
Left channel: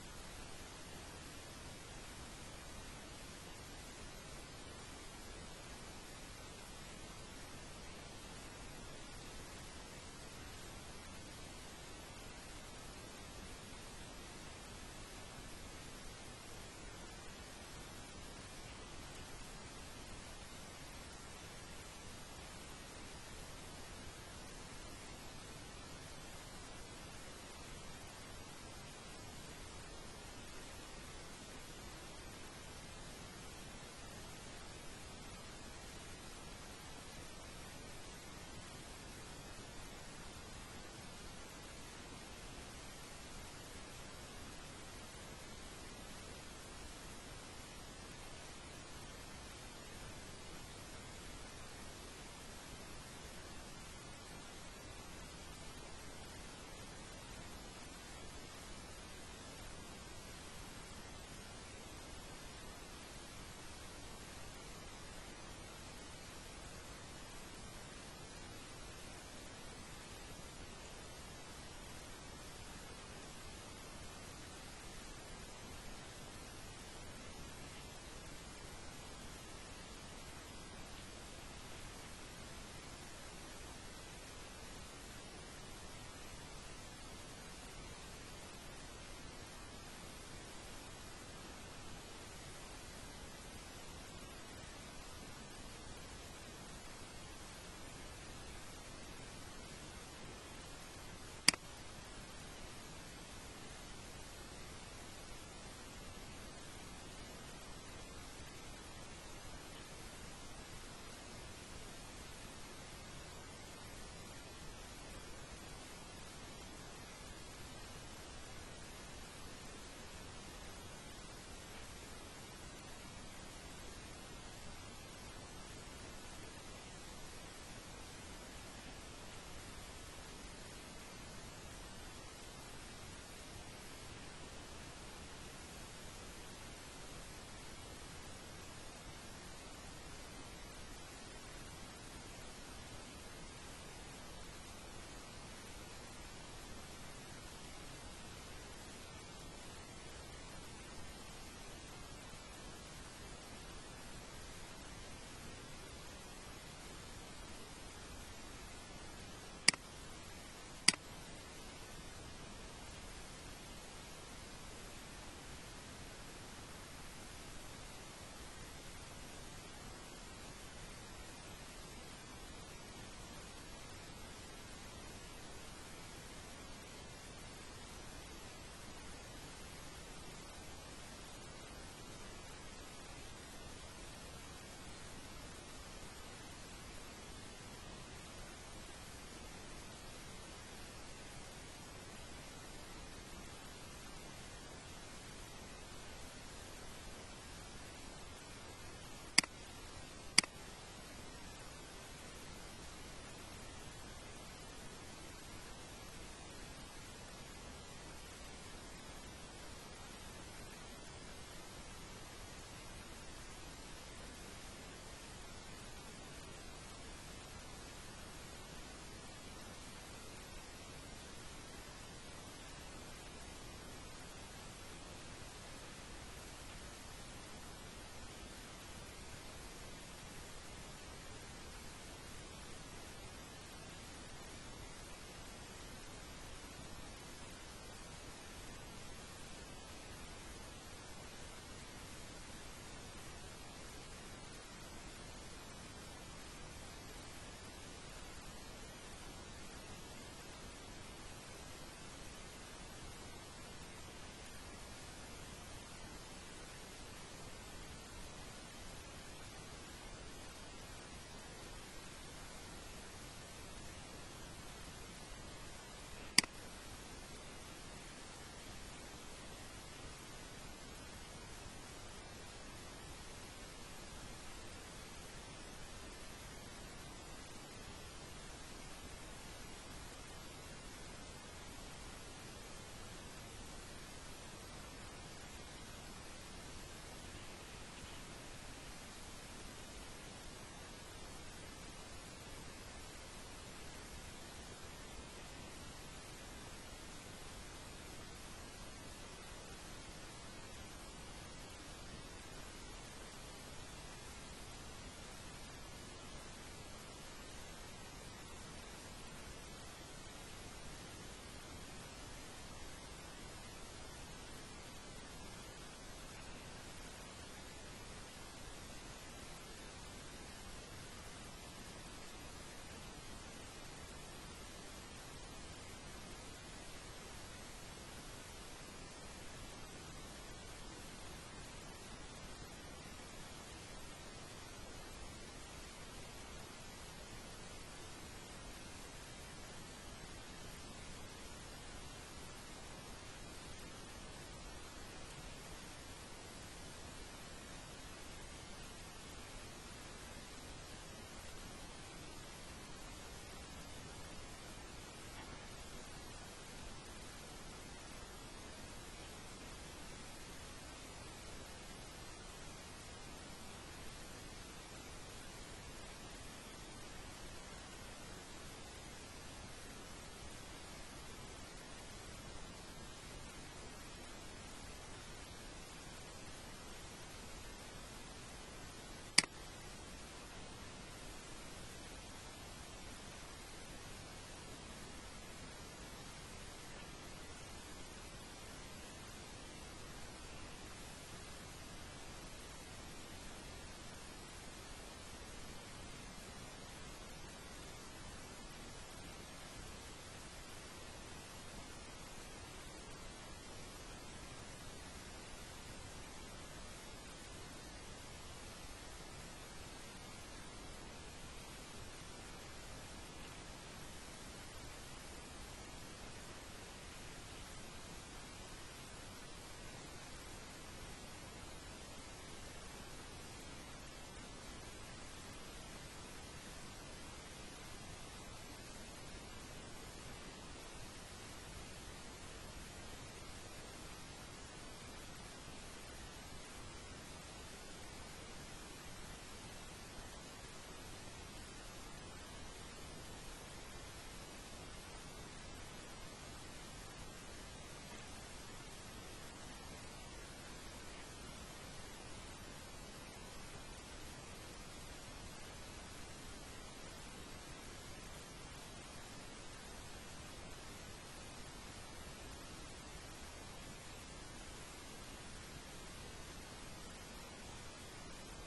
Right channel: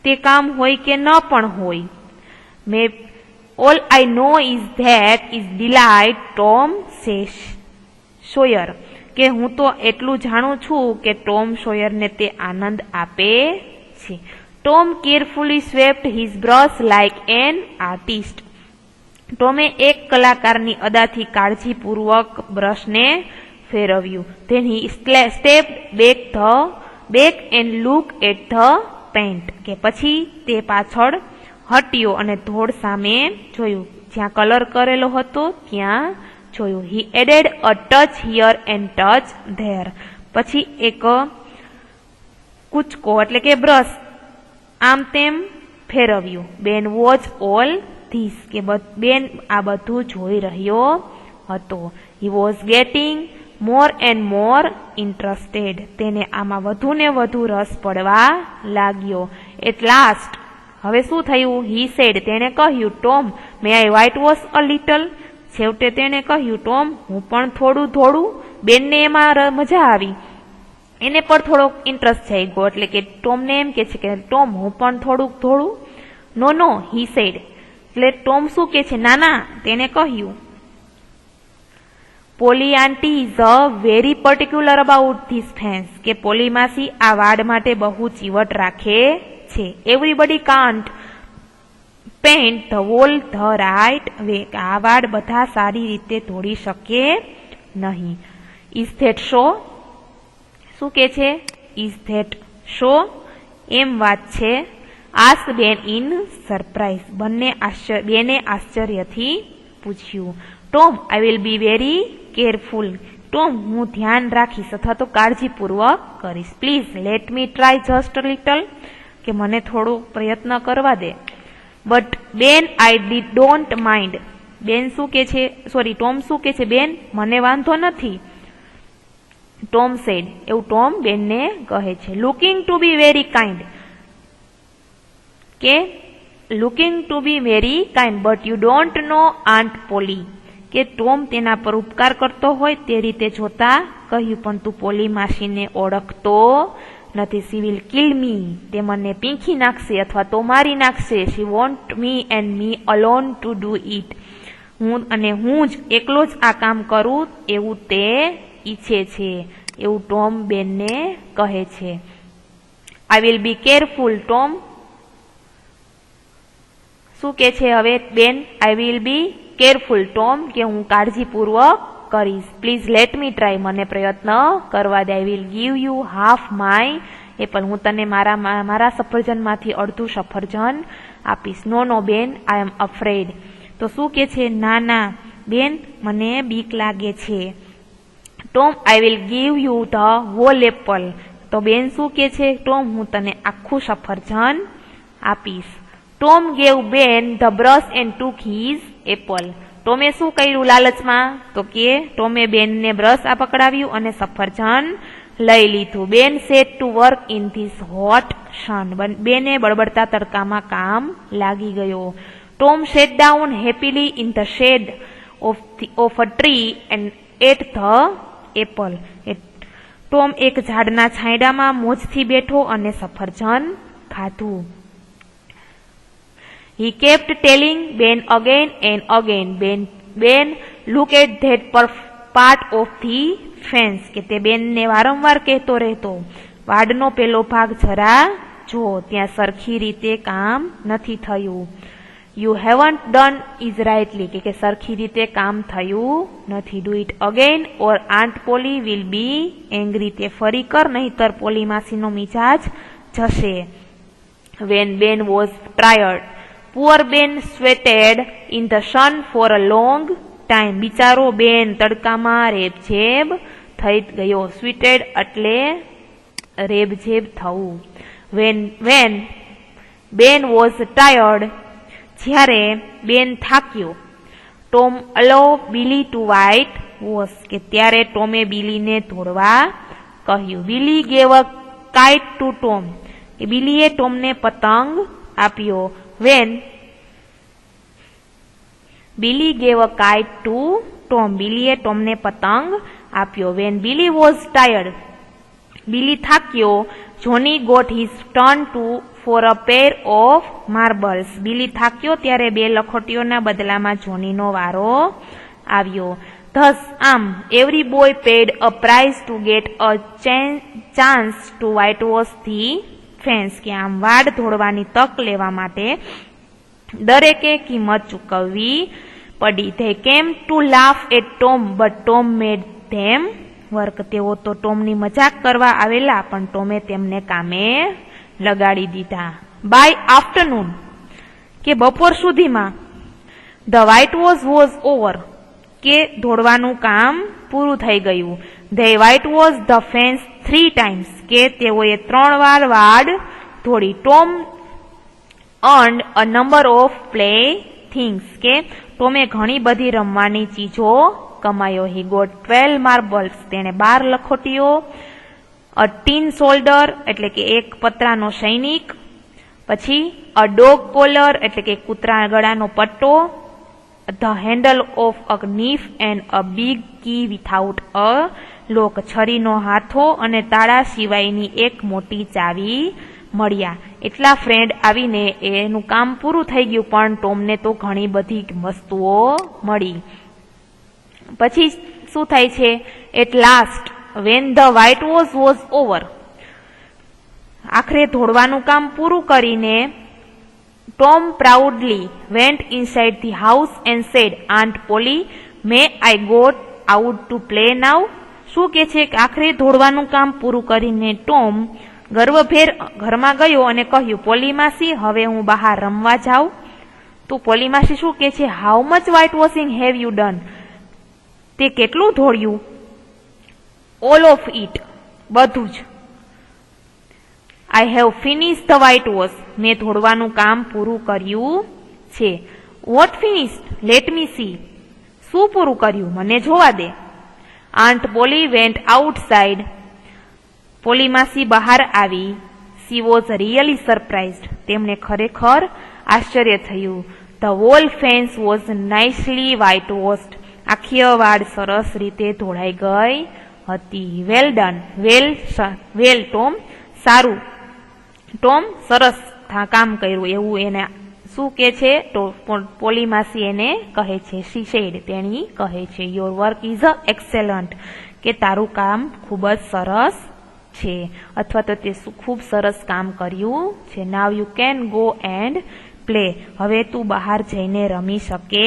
તે કામ હોય કે ન પણ હોય. May all I know is that is delight Tom Sawyer, કે હું તો એટલું જાણું છું કે ટોમ સોયરને તે આનંદ આપે છે. Tom carefully swept his brush like an artist, ટોમે એક કલાકારની અદાથી કાળજીપૂર્વક બ્રશને ફેરવ્યું. Then he stepped back and look at the paint, કે પછી તે પાછળ હટ્યો અને ધોળ સામે જોયું, જ્યાં કલર કરેલો હતો ત્યાં જોયું. He added a touch here and touch there, પછી એક કૂચકો એટલે કે બ્રશ આમ તેમ ફેરવ્યું. બેન વોચ ઓલ ધીસ, કે બેન આ બધું જોઈ રહ્યો હતો. He was gating more and more interested, તેને આમાં વધુ ને વધુ રસ પડવા લાગ્યો. એટ લાસ્ટ હવે શું થયું? હી સેડ, તેણે કહ્યું, Tom May I white wash a little. છેવટે તેણે કહ્યું, ટોમ હું પણ થોડું ધોળું. બેનને એમાં મજા આવી, એને પણ થોડોક ઇન્ટરેસ્ટ થઈ ગયો, એટલે કે ટોમને એમ કે છે કે ટોમ હું પણ થોડુંક ધોળું. નો નો હી સેડ, એટલે ટોમ શું કે છે? ના, તેને કહ્યું. Polly aunty is a very particular about this fence, કે પોલી માસી આ વાડ માટે બહુ ચીવટ રાખે છે. Everybody can't paint the wall the right way, આ વાડ બધા સારી રીતે ધોળી શકે નહીં. ઇઝ ધેટ શો, શું કે છે? ઇઝ ધેટ શો, એમ વાત છે. આસ્ક બેન ઇન સરપ્રાઇઝ, બેને આશ્ચર્યથી પૂછ્યું. Tom I will be very careful, Tom હું ધ્યાન રાખીશ અથવા તો કાળજીપૂર્વક કરીશ. Please let me try just a little, કે મને થોડો પ્રયત્ન કરવા દે. બટ બેન આઈ ડોન્ટ માઇન્ડ, બેન શું કે છે? સોરી, ટોમ શું કે છે? બેન મને વાંધો નથી. ટોમ સેડ, એવું ટોમ બેનને કહે છે. Looking to be very kind, કે looking to be very kind but you don't know aunt Polly, કે ટોમ તેના પર ઉપકાર કરતો હોય તે રીતે જોતા કહ્યું, પણ તું પોલી માસીને ઓળખતો નથી. સી વિલ કિલ મી, તે મને પીંખી નાખશે અથવા તો મારી નાખશે. She want me and me alone to do it, હું જ એકલો જ આ કામ કરું એવું તે ઈચ્છે છે, એવું ટોમ બેનને કહે છે. I will be careful, Tom શું કે છે હવે બેન? I will be careful Tom, કે હું કાળજીપૂર્વક કરીશ. પ્લીઝ લેટ મી ટ્રાય, મને પ્રયત્ન કરવા દે. I will give you half my apple, હું તને મારા સફરજનમાંથી અડધું સફરજન આપીશ. નો બેન આઈ એમ અફ્રેડ, તો શું કે છે? ના બેન મને બીક લાગે છે. Tom I will give you the whole apple, તો બેન શું કે છે? ટોમ હું તને આખું સફરજન આપીશ. Tom gave Ben the brush and took his apple, ટોમે શું કર્યું લાલચમાં? તો કે ટોમે બેનને બ્રશ પકડાવ્યું અને સફરજન લઈ લીધું. Ben set to work in this hot sun, બેને બળબડતા તડકામાં કામ લાગી ગયો. Tom sat down happily in the shade of a tree and ate the apple, Tom એક ઝાડના છાંયડામાં મોજથી બેઠો અને સફરજન ખાધું. He kept telling Ben again and again, Ben look at that part of the fence, કે તે બેનને વારંવાર કહેતો રહેતો, વાડનો પેલો ભાગ જરા જો, ત્યાં સરખી રીતે કામ નથી થયું. You haven't done is rightly, કે સરખી રીતે કામ થયું નથી. Do it again or Aunt Polly will be angry, તે ફરી કર નહીતર પોલી માસીનો મિજાજ જશે. When Ben was tired, poor Ben sweated in the sun for a long time, બિચારો બેન તડકામાં રેબઝેબ થઈ ગયો. સ્વેટેડ એટલે રેબઝેબ થવું. When Ben was tired, જ્યારે બેન થાક્યો. Tom allow Billy to white wash, કે ત્યારે ટોમે બિલીને ધોળવા કહ્યું. Billy gave a kite to Tom, કે બિલીએ ટોમને પતંગ આપ્યો. When Billy gave a kite to Tom, બિલીએ ટોમને પતંગ આપ્યો. When Billy was tired, Billy થાક્યો. Johnny got his turn for a pair of marbles, બિલી થાક્યો ત્યારે બે લખોટીઓના બદલામાં જોનીનો વારો આવ્યો. Thus આમ every boy paid a price to get a chance to whitewash the fence, કે આમ વાડ ધોળવાની તક લેવા માટે દરેકે કિંમત ચૂકવવી પડી. They came to laugh at Tom, but Tom made them work, તેઓ તો ટોમની મજાક કરવા આવેલા પણ ટોમે તેમને કામે લગાડી દીધા. By afternoon, કે બપોર સુધીમાં, the whitewash was over, કે ધોળવાનું કામ પૂરું થઈ ગયું. They whitewashed the fence 3 times, કે તેઓએ 3 વાર વાડ ધોળી. Tom earned a number of playthings, કે ટોમે ઘણી બધી રમવાની ચીજો કમાયો. He got 12 marbles, તેણે 12 લખોટીઓ. A tin soldier, એટલે કે એક પતરાનો સૈનિક. પછી અ ડોગ કોલર એટલે કે કૂતરા ગળાનો પટ્ટો, the handle of a knife and a big key without a lock, છરીનો હાથો અને તાળા સિવાયની એક મોટી ચાવી મળ્યા. એટલા ફ્રેન્ડ આવીને એનું કામ પૂરું થઈ ગયું, પણ ટોમને તો ઘણી બધી વસ્તુઓ મળી. પછી શું થાય છે? At last when the white was over, આખરે ધોળવાનું કામ પૂરું કરીને Tom proudly went inside the house and said, aunt Polly may I go out to play now. શું કે છે કે આખરે ધોળવાનું કામ પૂરું કરીને ટોમ ગર્વભેર ઘરમાં ગયો અને કહ્યું, પોલી માસી, હવે હું બહાર રમવા જાઉં. તો પોલી માસી શું કે છે? How much white washing have you done? તે કેટલું ધોળ્યું? ઓલ ઓફ ઇટ, બધું જ. I have finish the white wash, મેં ધોળવાનું કામ પૂરું કર્યું છે. What finished? Let me see, શું પૂરું કર્યું? મને જોવા દે. Aunt Polly went outside, Polly માસી બહાર આવી. સી વોઝ રિયલી સરપ્રાઇઝડ, તેમને ખરેખર આશ્ચર્ય થયું. The wall fans was nicely white washed, આખી વાડ સરસ રીતે ધોળાઈ ગઈ હતી. વેલ ડન, વેલ ટોમ, સારું ટોમ, સરસ કામ કર્યું, એવું એને શું કે છે? તો પોલી માસી એને કહે છે, શી સેડ, તેણી કહે છે, યોર વર્ક ઇઝ એક્સેલન્ટ, કે તારું કામ ખૂબ જ સરસ છે, અથવા તો તે ખૂબ સરસ કામ કર્યું છે. Now you can go and play, હવે તું બહાર જઈને રમી શકે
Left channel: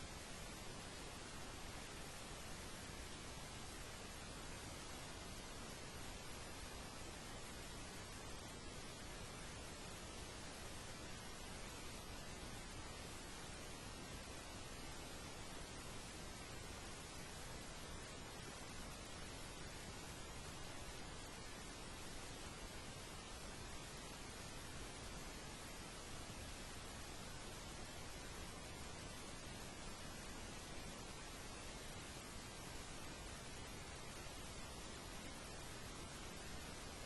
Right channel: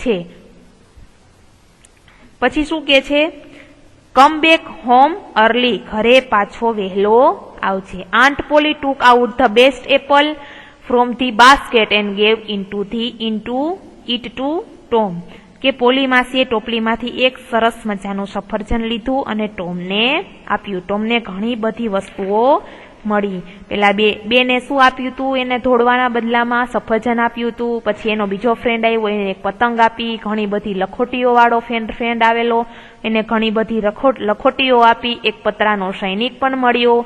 છે. પછી શું કે છે? કમ બેક હોમ અર્લી, ઘરે પાછો વહેલો આવજે. Aunt Polly took out the best apple from the basket and gave it to Tom, કે પોલી માસીએ ટોપલીમાંથી એક સરસ મજાનું સફરજન લીધું અને ટોમને આપ્યું. ટોમને ઘણી બધી વસ્તુઓ મળી. પેલા બેને શું આપ્યું હતું? એને ધોળવાના બદલામાં સફરજન આપ્યું હતું. પછી એનો બીજો ફ્રેન્ડ આવ્યો, એને એક પતંગ આપી. ઘણી બધી લખોટીઓ વાળો ફ્રેન્ડ આવેલો, એને ઘણી બધી લખોટીઓ આપી. એક પતરાનો સૈનિક પણ મળ્યો.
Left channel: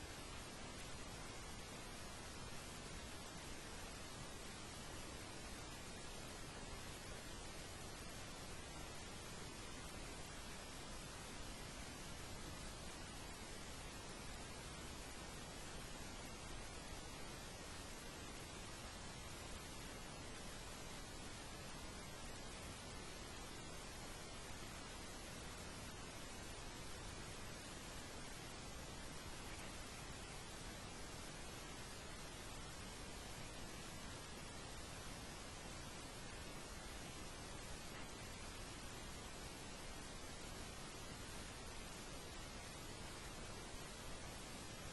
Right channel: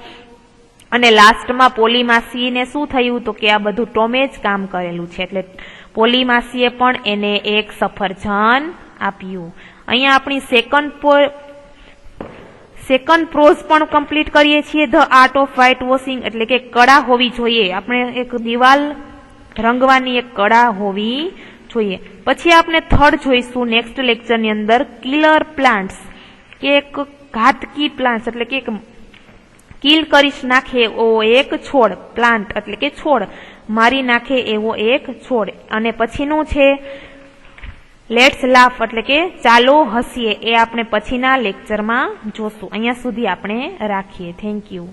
અને લાસ્ટમાં પોલી માસીને શું થયું? તો કે આ બધું ટોમે જ કામ કરેલું છે, એટલે પોલી માસીએ પણ એને એક સફરજન આપ્યું. અહીંયા આપણી સેકન્ડ પ્રોઝ પણ કમ્પ્લીટ કરીએ છીએ. The art of white washing, એટલે કે કળા હોવી જોઈએ. આપણે એક દિવાલ રંગવાની એક કળા હોવી જોઈએ. પછી આપણે થર્ડ જોઈશું નેક્સ્ટ લેક્ચરની અંદર, કિલર પ્લાન્ટ્સ, કે એક ઘાતકી પ્લાન્ટ્સ એટલે કે કિલ કરી નાખે એવો એક છોડ, પ્લાન્ટ એટલે કે છોડ, મારી નાખે એવો એક છોડ. અને પછીનું છે લેટ્સ લાફ એટલે કે ચાલો હસીએ, એ આપણે પછીના લેક્ચરમાં જોશું. અહીંયા સુધી આપણે રાખીએ. Thank you.